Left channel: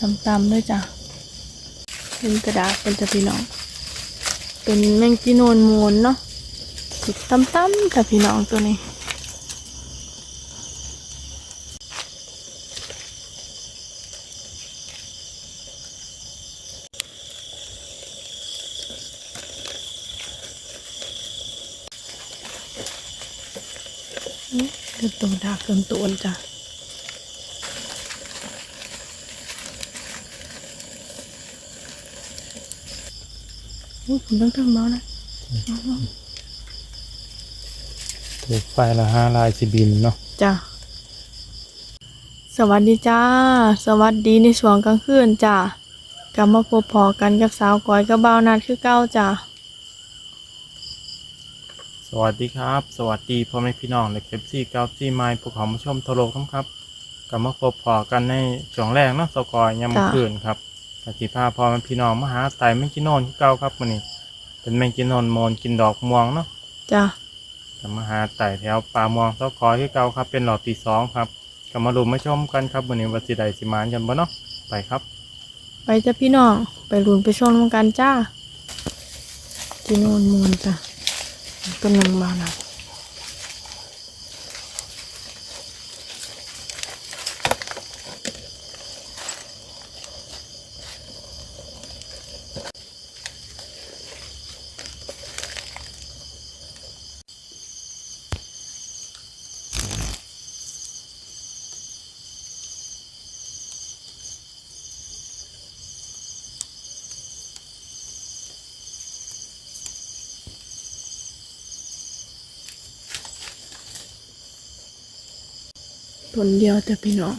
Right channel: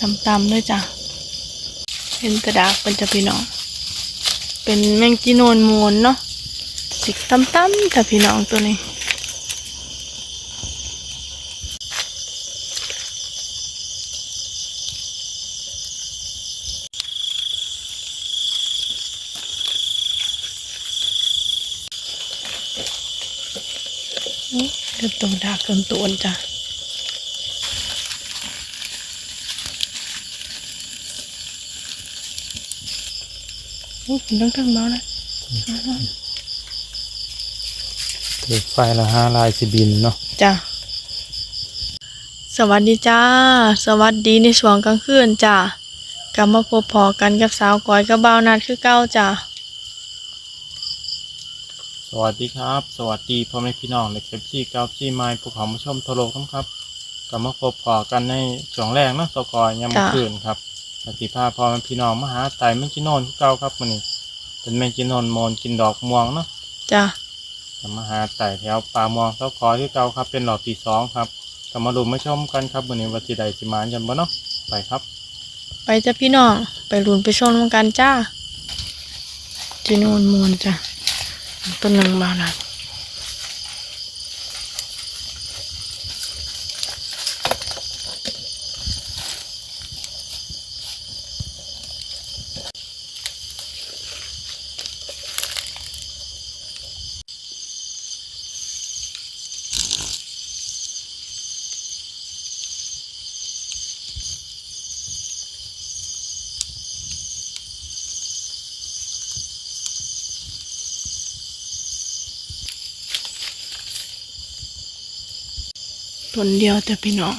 ตำๆด้วยจ้ะ เป็นกระดากเป็นจะพี่น้อง เป็นแมงจีโนนมูนเนาะสิกตำๆแต่พี่น้องตัวนี้อือเกินตัวดากเกินตัวจ้ะ อุ้ยผมต้องทั้งเบานะถือไฟละห้าลายสิบินเนาะจ้ะสวัสดีจ้า สวัสดีในช่วงกลางคืนจ้ะกลับมาพบพอกันกับสาวก้อยกับบ่าวนัดคือเก้าจ้ะสวัสดีครับ สวัสดีพ่อแม่พี่น้องและเก็บซี่เก้าซี่ไม้ภูเขามาชมโทรโลกครับครับกลับมาพบพอกันในช่วงแรกเนาะสกอยยามมื้อคืนครับ ปฏิภาพ่อแม่พี่น้องมาหาไต่แมงจีโนนคือเก่าครับมื้อนี้เป็นแมงจีโนนโมนกินดอกม่วงเนาะจ้ะกลับมาหาไต่แถวป่าม่วงสกอยคือเก่าครับ เป็นหลอดที่สองครับกลับมาลุ้นมาชมกันครับมื้อนี้ว่าสิได้สิมานกันบ่เนาะไปครับ ไปจ้ะพี่น้องไปรุนไปชมกันจ้าจีโนนมูลจ้ะตัวหนึ่งบ่าวนัด นเดียวจ้ะพี่น้อง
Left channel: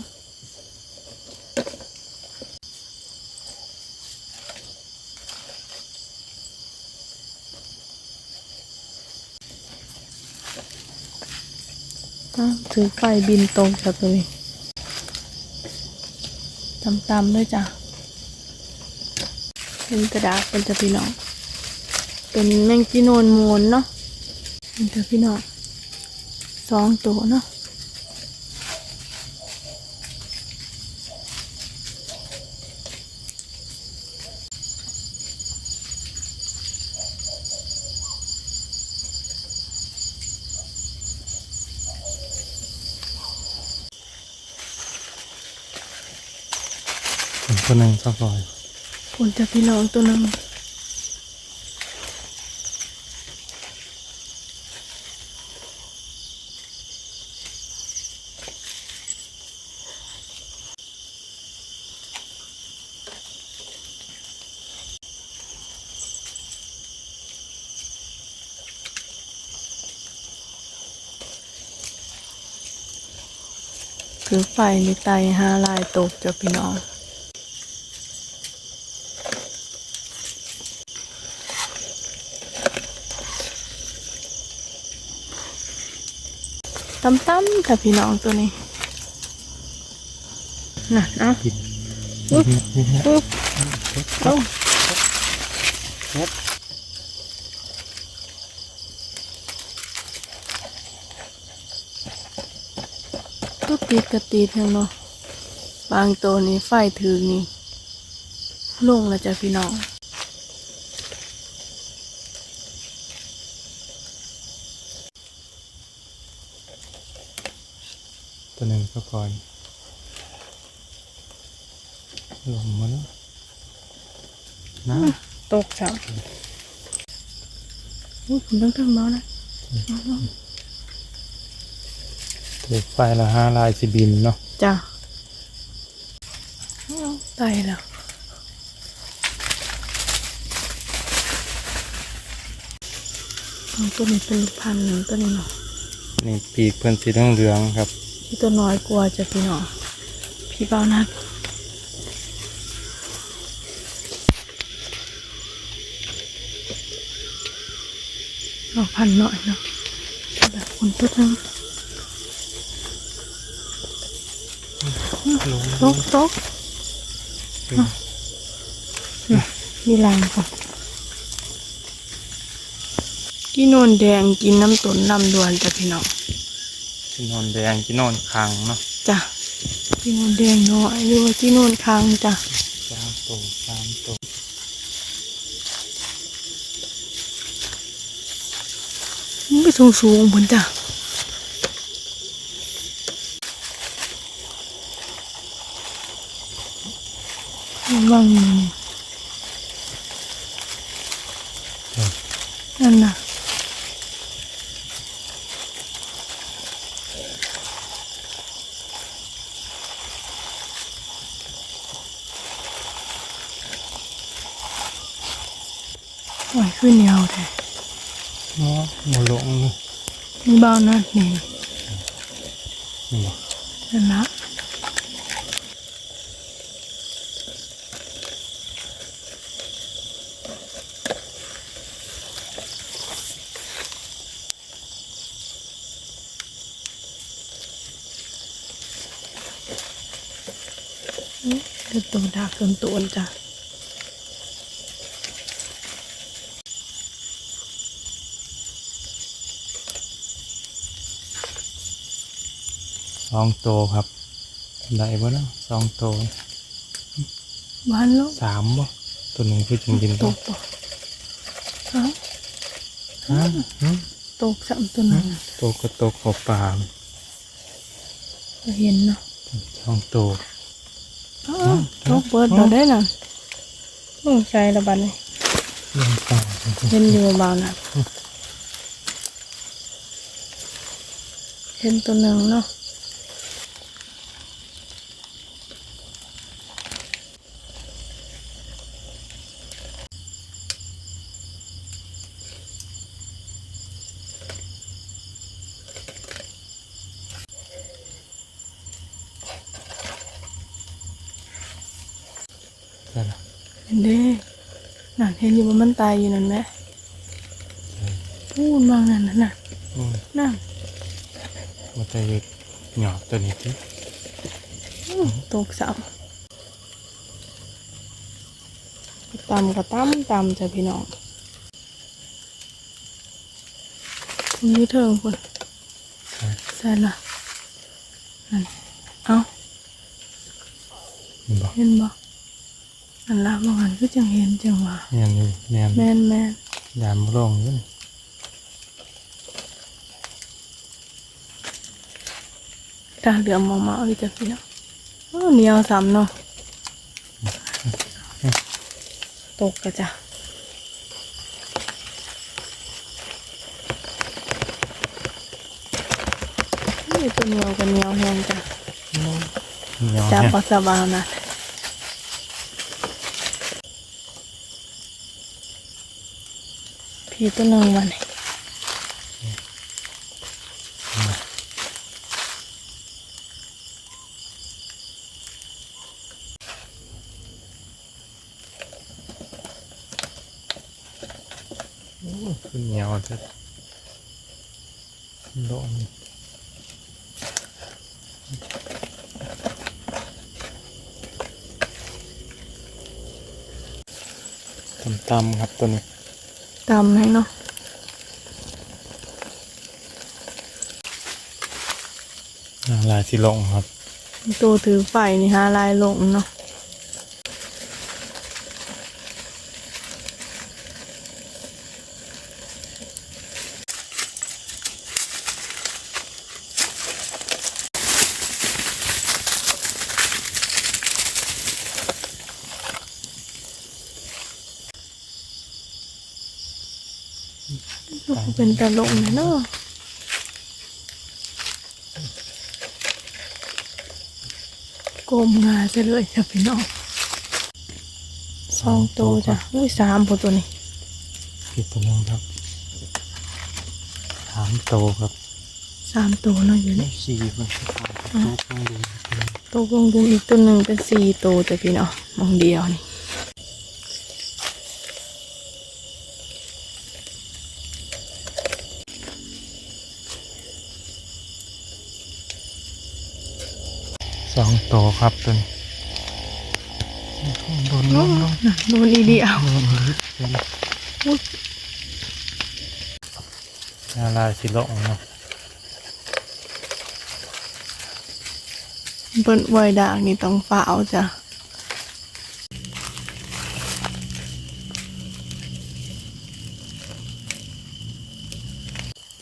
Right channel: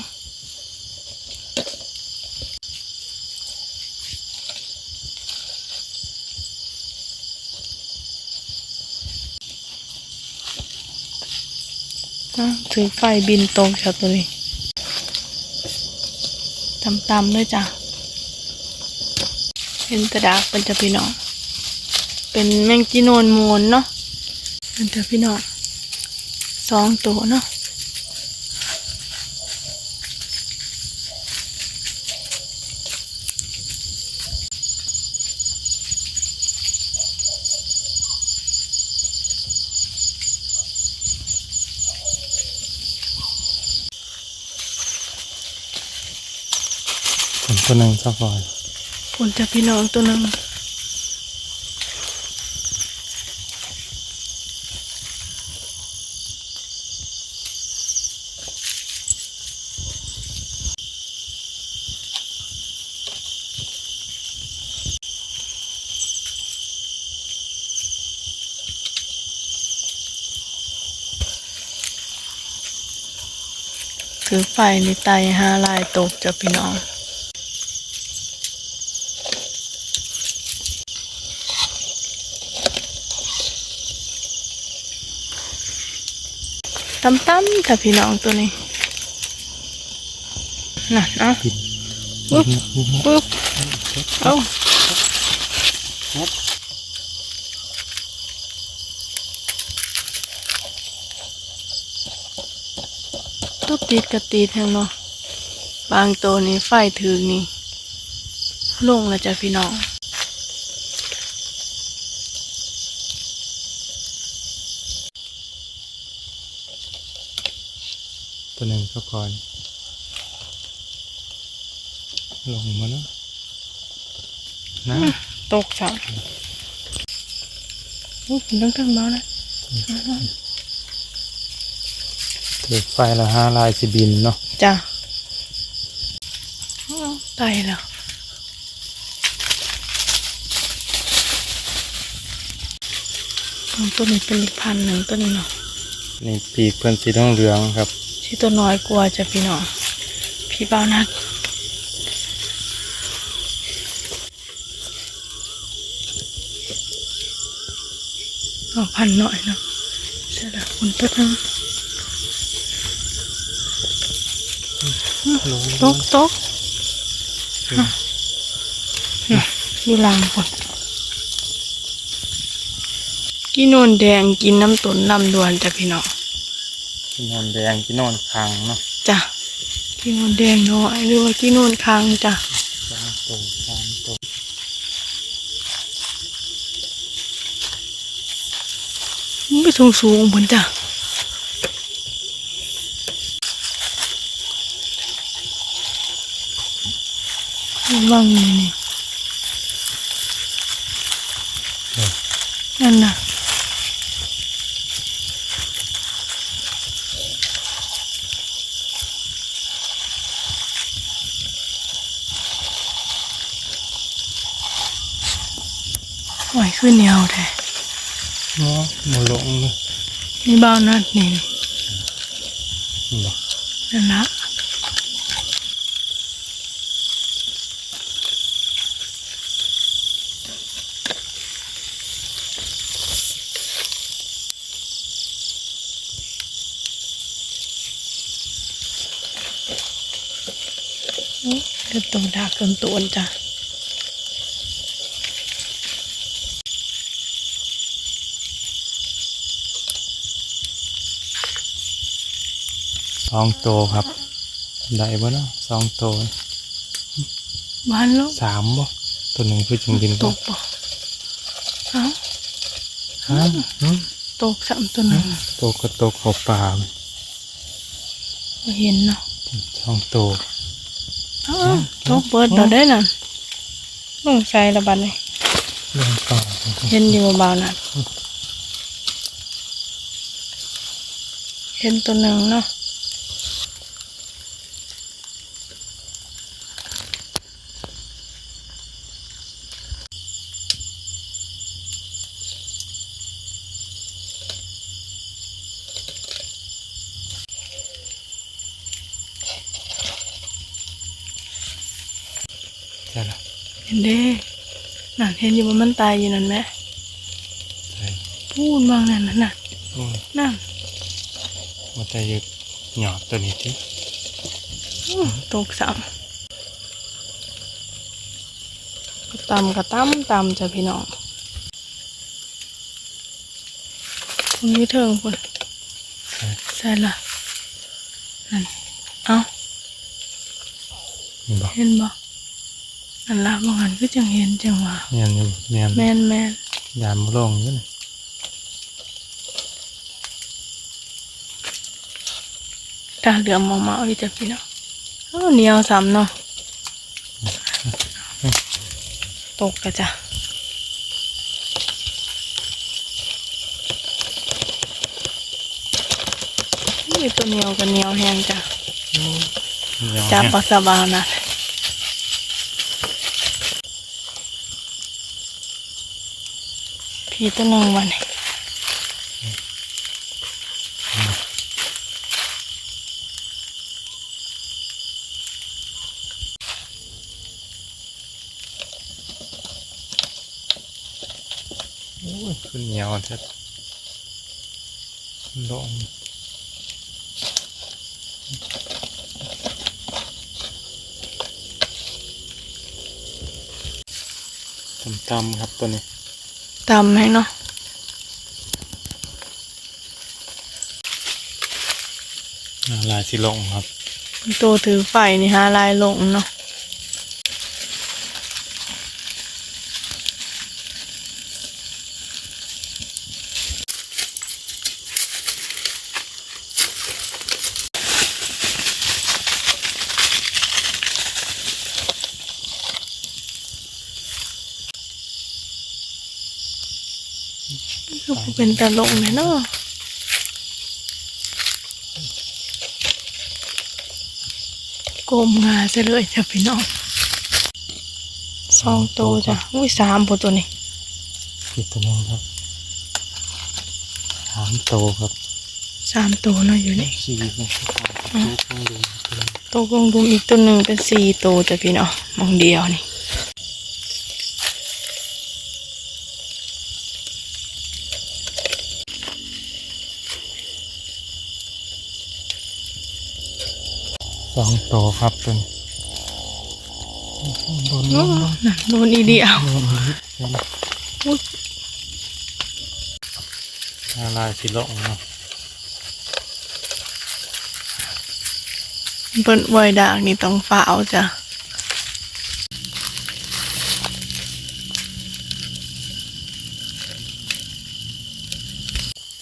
อ้าถือไฟบินตรงจากตัวนี้ตำๆด้วยจ้ะ เป็นกระดากเป็นจะพี่น้อง เป็นแมงจีโนนมูนเนาะเป็นจะพี่น้องสองตัวเนาะ เป็นคนหนึ่งสกอยคุณจะพี่น้องตัวหนึ่งถือไฟในไตห้าลายตกจะพี่น้อง ตำตั้มแต่พี่น้องตัวนี้น่ะเอะปึ๊บปึ๊บเอาตัวติดกระตีดแทงเนาะบางตัวนี้ไฟถึงนี่ลงแล้วจ้ะพี่น้อง ตัวหนึ่งสกอยลงมาแล้วนะตกจ้ะอุ้ยผมต้องทั้งเบานะถือไฟละห้าลายสิบินเนาะจ้ะอ้าตายแล้วตัวนี้เป็นอีกพันหนึ่งตัวนี้เนาะนี่งปีกเพื่อนสีต้องเหลืองครับ ที่ตัวน้อยกว่าจะพี่น้องพี่เบานัดเอาพันหน่อยเนาะใช่แล้วคุณตัวนึงตกตกอะน่ะอยู่ล่างก่อนกินนนแดงกินน้ำตุนน้ำดวนจ้ะพี่น้อง กินนอนแดงกินนอนคังเนาะจ้ะกินนอนแดงน้อยหรือว่ากินนอนคางจ้ะอตัวสามตัวมันไปสูงสูงๆบนจ้ะว่างนี่น่ะ ไหวขึ้นเหนียวแท้เนาะในหลงนี่นี่บ้านนั่นนี่นี่บ่นั่นละอื้อเดี๋ยวตัวดากเกินตัวจ้ะ สองตัวครับ ได้บ่เนาะสองตัวบ้านแล้วสามบ่ตัวหนึ่งคือจริงจริงตกป่ะเอ้าฮะอืมตกสามตัวหนึ่งตัวก็ตัวขอบปลาบ่เห็นเนาะสองตัวอ้าวตกเบิดเราได้น่ะลงใส่ระบัดนี่ลงปลาเห็นอยู่เบาๆน่ะเห็นตัวหนึ่งเนาะ ห็นเด้นั่นเห็นอยู่ว่ามันตายอยู่นั่นไหมใช่พูดบางนั่นน่ะน่ะโอ้ยนั่นว่าแต่เด็กเหนียวตัวนี้ที่อื้อตกสามก็ตำก็ตำตำจ้ะพี่น้องคุณอยืดเทิงคุณใส่ละนั่น เอ้านี่บ่เห็นบ่ อันละบางอันก็จังเห็นจังว่าเนี่ยนี่เนี่ยแม่นแม่นยามลงอยู่นี่ตาเหลือมมองมาเอาอีจ้ะพี่น้องเอ้าเหนียวซ้ำเนาะตกกะจ้ะนี่ตัวเหนียวกับเหนียวแห้งจ้ะเหนียวจับแห้งปัสสาวะนะ พี่ตัวหนึ่งวันนี้โอ้ยขึ้นเหนียวจะลงตำๆครับตัวนี้ ตำให้เนาะลายสิลงครับ ตัวถือไฟนี่ฮะลายลงเนาะ ก็บ่ เป็นตลกเลยเนาะกลมงาจะเลยจ้ะพี่น้องสองตัวจ้ะอุ้ยสามพอตัวนี้อีกตัวหนึงครับสามโตครับสามตัวเนาะอยู่นี่สี่มันคือความทุกข์ต้องดูตัวนี้ตัวกลงดุมอีกตัวหนึ่งเป็นสี่ตัวจ้ะพี่น้องมองเดียวนี่ โตครับตัวนี้โดนโดนโดโดนอีเดียวเราเราสิลงเนาะเปิ้นไวด่างนี่ต้องฝ่าเอาจ้ะ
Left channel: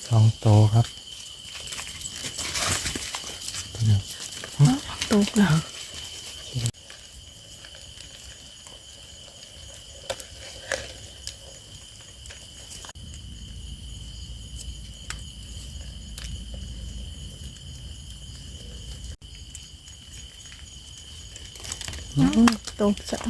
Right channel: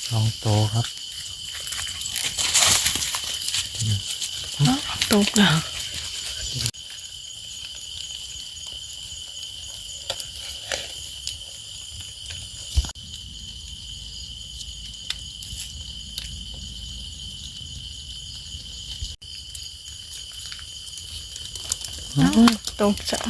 สองโตครับ ตกแล้ว ตกจ้ะ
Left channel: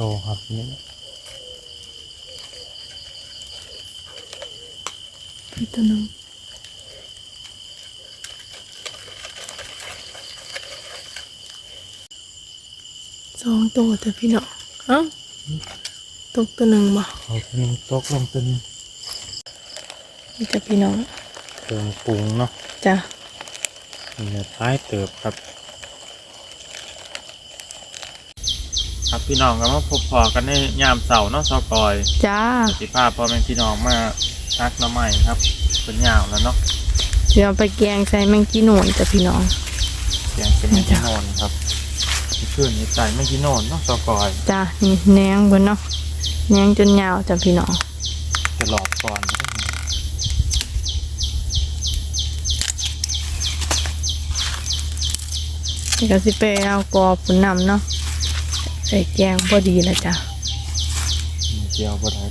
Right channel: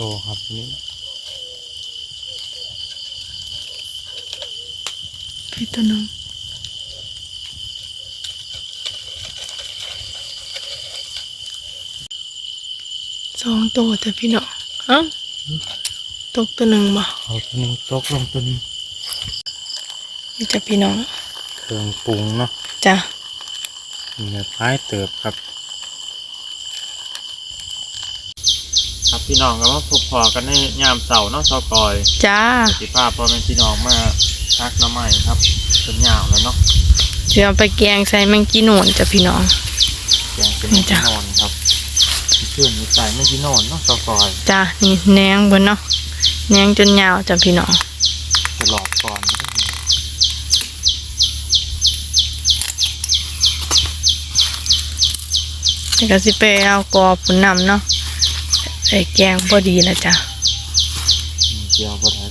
โตวครับนี่พี่ตัวหนึงสองตัวแต่พี่น้องเอ้าตกตัวหนึ่งบ่เอาตัวหนึ่งตกลงตัวหนึงนี่จะพี่น้องตัวปรุงเนาะจ้ะเนื้อท้ายเติบครับ ครับพี่น้องก็มาพบพอกันในยามเสาร์เนาะซอกอยจ้าปฏิภาพพ่อแม่พี่น้องมาทักน้ำใหม่ครับเป็นยาวแล้วเนาะเดี๋ยวเอาไปแกงใส่แมงกี้หนวนจ้ะพี่น้องแกงเป็นนี่เมื่อจ้ะกี้นอนครับเครื่องนี้ใส่เมื่อกี้นอนเนาะซอกอยจ้ะนี่แหนงเบิ่นเนาะแหนงจนยาวจ้ะพี่น้องจะหลอดก่อนนี่ก็สิไปเอากอปุ่นนำเนาะ ใส่แกงพอดีแล้วจ้ะมีเจียวบดได้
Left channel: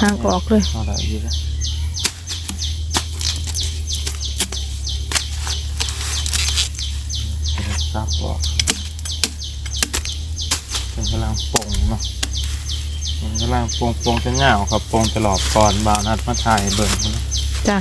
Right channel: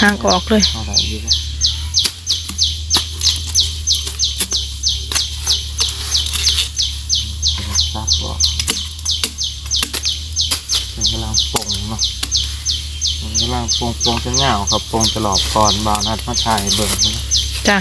ห้างออกเลยเอาได้อยี่แล้วซับออกเป็นกำลังปรุงเนาะมันกำลังปรุงปรุงจะเหงาครับปรุงจะหลอดก่อนบาวนัดมาถ่ายเบิ่งเนาะจ้ะ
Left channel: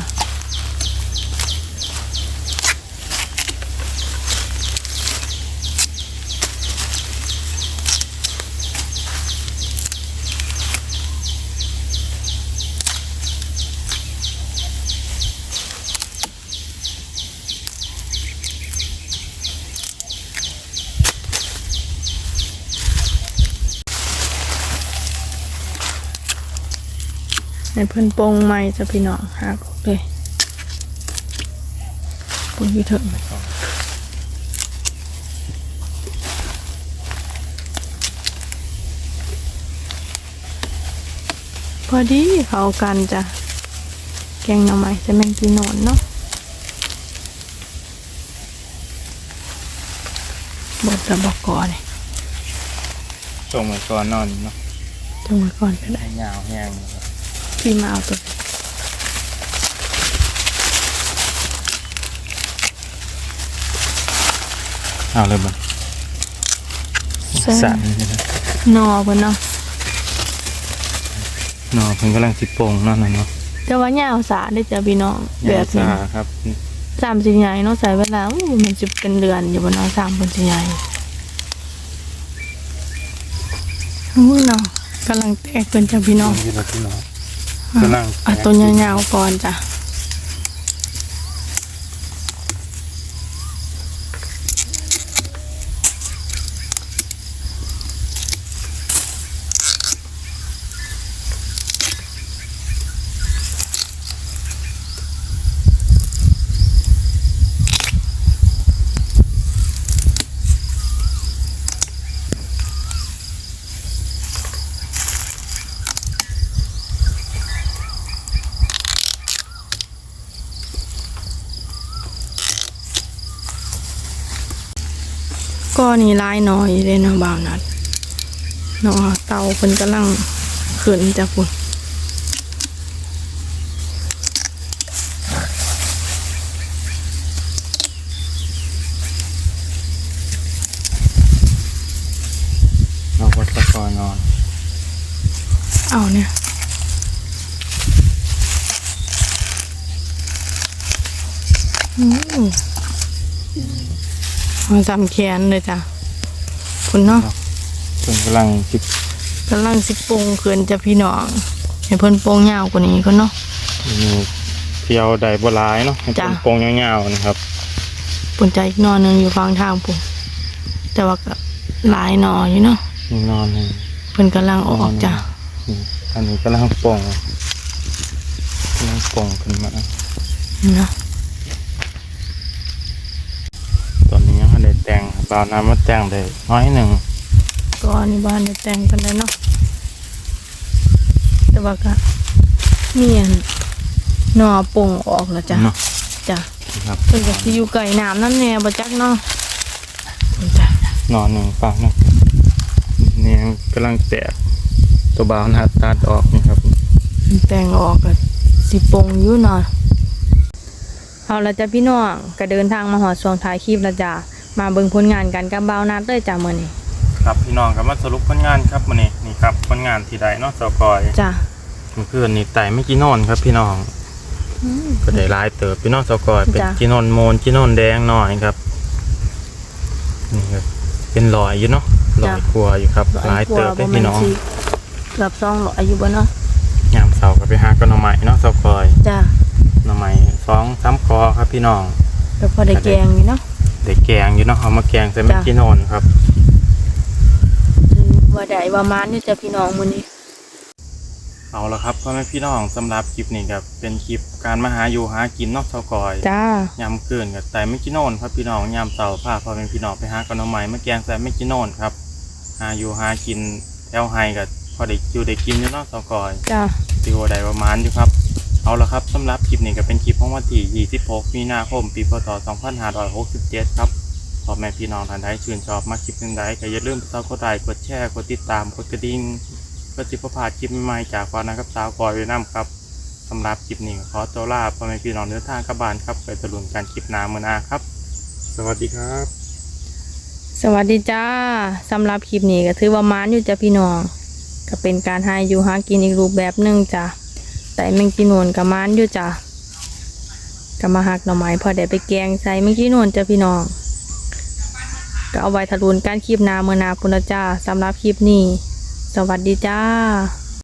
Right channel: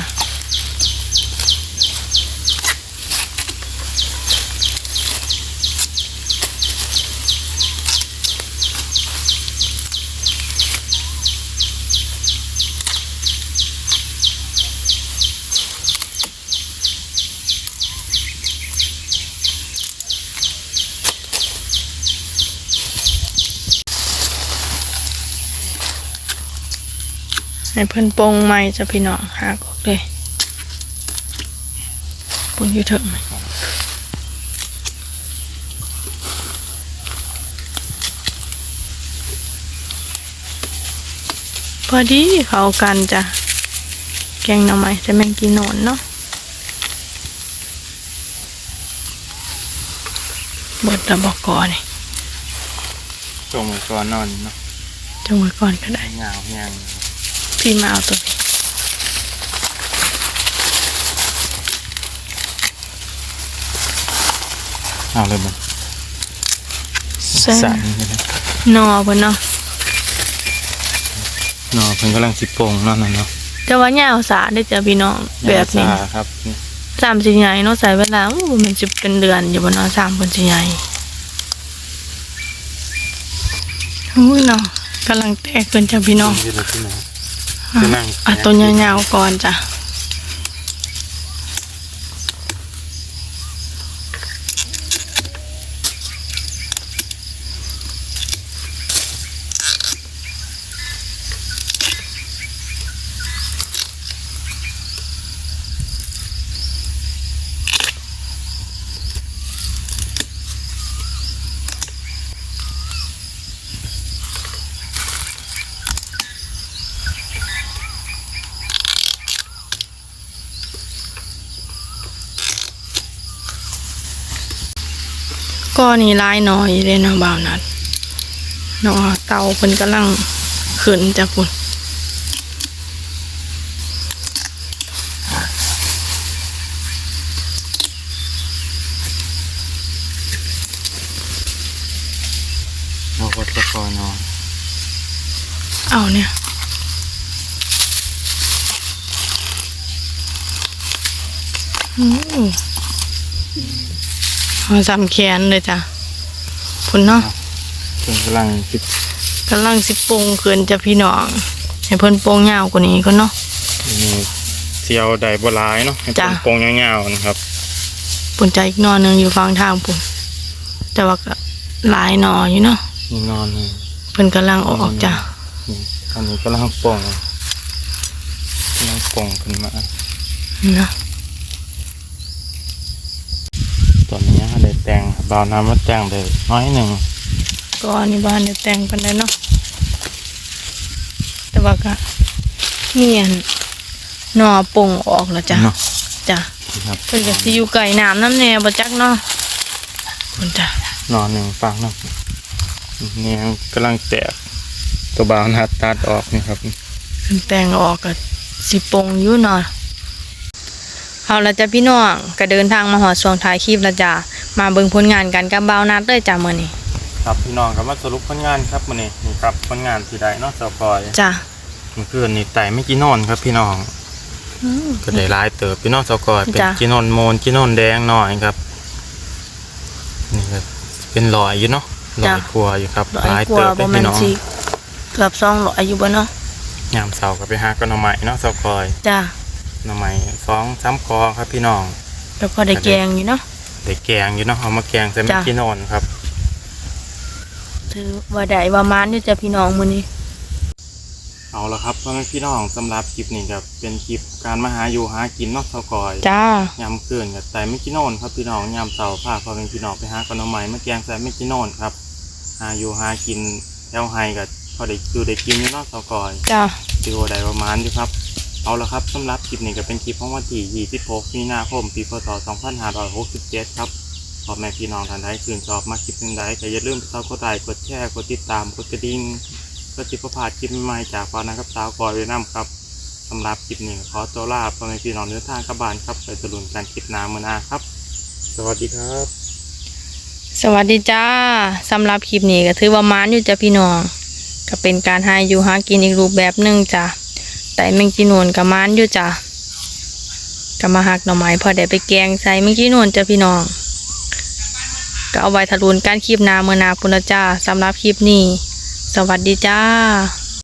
ให้เพิ่นโปรงใหม่จ้ะพี่น้องหากออกเลยปุ่นอยู่เถิงพอดีเข้ากันจ้ะแกงหน่อไม้จะแมงกีโนนเนาะบดระบอกก่อนนี่ส่งไปก่อนนอนเนาะจงไว้ก่อนก็ได้เหงาแห้งนะครับ พี่มาเอาตัวนี้เอาเลยบันใส่สั่นเลยนะนอเพิ่นเนาะเนาะเพิ่นกำลังสิโปรุงเนาะนั่นเนาะแต่ว่าย่าวสาได้อจ้ะพี่น้องแบบนี้ยาซาครับสามสิใหญ่เนาะใส่เวลาอู้มันจะเป็นเดือนอยู่บนเนาะสามคนสิใหญ่อุ้ยเนาะกำลังแตกขึ้นจ้ะพี่น้อง ที่เราที่น้องอะกำลังอะตัวยาวๆก่อนจ้ะ ก็นี่ลายหน่อยเลยเนาะบ่าวนัดเนาะเตาเพิ่นกำลังขึ้นจ้ะพุ่นเราก็จะคอยนอน เอาเนี่ยอืม เอาสามแขนเลยจ้ะพุ่นเนาะเพิ่นกำลังติดกำลังสิปรุงขึ้นจ้ะพี่น้องให้เพิ่นปรุงยาวกว่านี้ก็เนาะมีเสียวใดบัวลายเนาะให้เป็นจ้ะโปงยาวๆนะครับปุ่นใจอีกหนอหนึงอยู่ฟังทางปุ่นแต่ว่าก็หลายหนออยู่เนาะนี่นอนนี่เพิ่นกำลังออกจ้ะนี่อันนี้ก็ลังโป่งกำลังโป่งขึ้นมานะ ตอนนี้ยังไม่ได้แต่งครั บบาวน้ำมาแต่งได้น้อยหนึ่งก็อันนี้บ้านเดี๋ยวแต่งกันได้เนาะแต่ว่าก็เมียนหนอป่งออกแล้วจ้ะเนาะจ้ะครับเพิ่นก็สิอยู่ไก่น้ำน้ำแน่บ่จักเนาะคุณจ้ะนอนหนึ่งฟังเนาะนี่ยังกำลังแตกตัวบาวนัดตัดออกนี่ครับเพิ่นแต่งออกก็สิปงอยู่เนาะเอาละจ้ะพี่น้องก็เดินทางมาหอดช่วงท้ายคลิปแล้วจ้ะ มาเบิ่งผลงานกันกับบ่าวนัดเลยจ้ะมื้อนี้ครับพี่น้องครับมาสรุปผลงานครับมันนี่นี่ครับผลงานที่ใดเนาะสกอยจ้ะเมื่อคืนนี่ไต่ไม่กี่นอนครับพี่น้องอืมก็ได้หลายเติบพี่น้องสกอยเป็นจ้ะกินนโมนกินนแดงหน่อยครับ นี่ก็เป็นรอยอยู่เนาะรอยกลัวอยู่ครับร้อหลายยกเติว่าบได้บ่แม่พี่นน้องสิเกือบ200อายุบ่เนาะยามเสาร์ก็ไปหากันหน่อไม้เนาะสกอยจ้ะหน่อไม้สองสามคอครับพี่น้องแล้วพอได้แกงอยู่เนาะ เด็กแกงอยู่เนาะเอามาแกงใส่ไม่จ้ะกี่นอนครับ ถือว่าได้ประมาณนี้จ้ะพี่น้องมื้อนี้ เอาละครับพ่อแม่พี่น้องสำหรับคลิปนี้ครับเป็นคลิปการมาหาอยู่หากินเนอกสกอยจ้ายามเกินกับแต่ไม่กี่โนนครับพี่น้องยามเสาร์พาพ่อแม่พี่น้องไปหากันหน่อไม้มาแกงใส่ไม่กี่โนนครับ หาอยู่หากินแอลไฮกับพอได้อยู่ได้กินอยู่เนอกสกอยจ้าตีโอได้ประมาณอยู่ครับ เอาละครับสำหรับคลิปนี้ก็เป็นคลิปของวันที่26มีนาคม ปีพศ 2567 ครับพ่อแม่พี่น้องท่านใดชื่นชอบมาคลิปหนึ่งใดก็อย่าลืมไปซับกดไลค์กดแชร์กดติดตามกดกระดิ่งเพื่อจิบประพลาดคลิปใหม่ๆจากฟ้านะครับสาวกอยด้วยน้ำครับสำหรับคลิปนี้ขอตัวลาพ่อแม่พี่น้องเนื้อทางกลับบ้านครับไปตะลุนการคลิปหน้ามือหน้าครับ สวัสดีครับ สวัสดีจ้าสำหรับคลิปนี้ก็ถือว่ามานอยู่จ้ะพี่น้อง ก็เป็นการหาอยู่หากินอีกรูปแบบหนึ่งจ้ะ แต่แมงจีนวนกับมานอยู่จ้ะก็มาหักหน่อไม้พอได้ไปแกงใส่แมงจีนวนจ้ะพี่น้องก็เอาไว้ทะลุนการคลิปนาเมื่อนาปุณจ้าสำหรับคลิปนี้ สวัสดีจ้า